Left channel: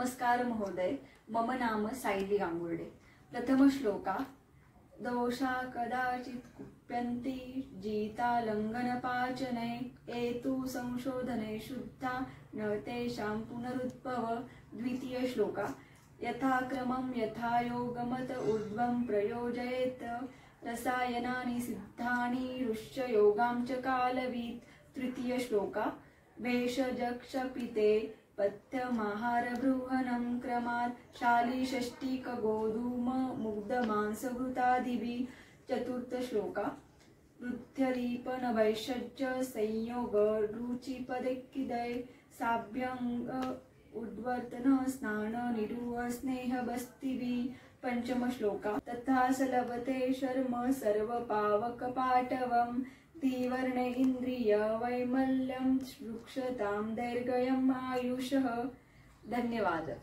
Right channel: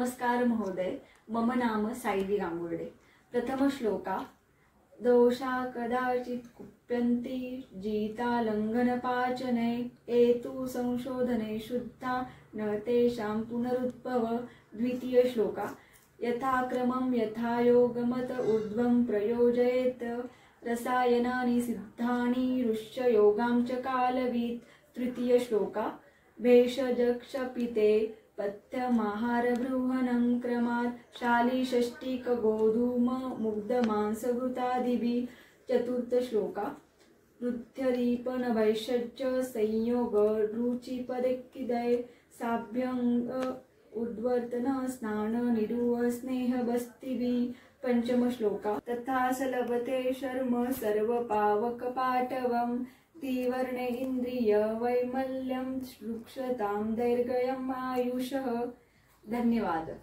नमस्कार महोदय, मम नाम सायली गांगुर्डे। प्रथम श्लोका। दोषा कदाचित् कुप्यन्ति जीतालङ्घनपाचने एतु संशोधने शुद्धा न तेषां पुनरुद्भव। द्वितीय श्लोका। यथाक्रमं यथायोगमत ऊर्ध्वं प्रयोजयेत् रसायनानि सिद्धानि रुष्य योगां च कालवीत्। तृतीय श्लोका। भेषजक्षपिते पथ्यमाहारबृहणं क्रमात् शालीषष्टिक गोधूम मुग्धमांसवृतादिभिः। चतुर्थ श्लोका। वृद्ध्यदीपनभैषज्य संयोग रुचिपदैकिदये साभ्यंग उद्वर्तन स्नान निरूह स्नेहबस्तिभिः। पंचम श्लोका। तथा स लभते शर्म सर्वपावकपाटवम् तीवर्णे इंद्रिय वैमल्यं रुक्षतां दैर्घ्यम् आयुषः। धन्यवाद।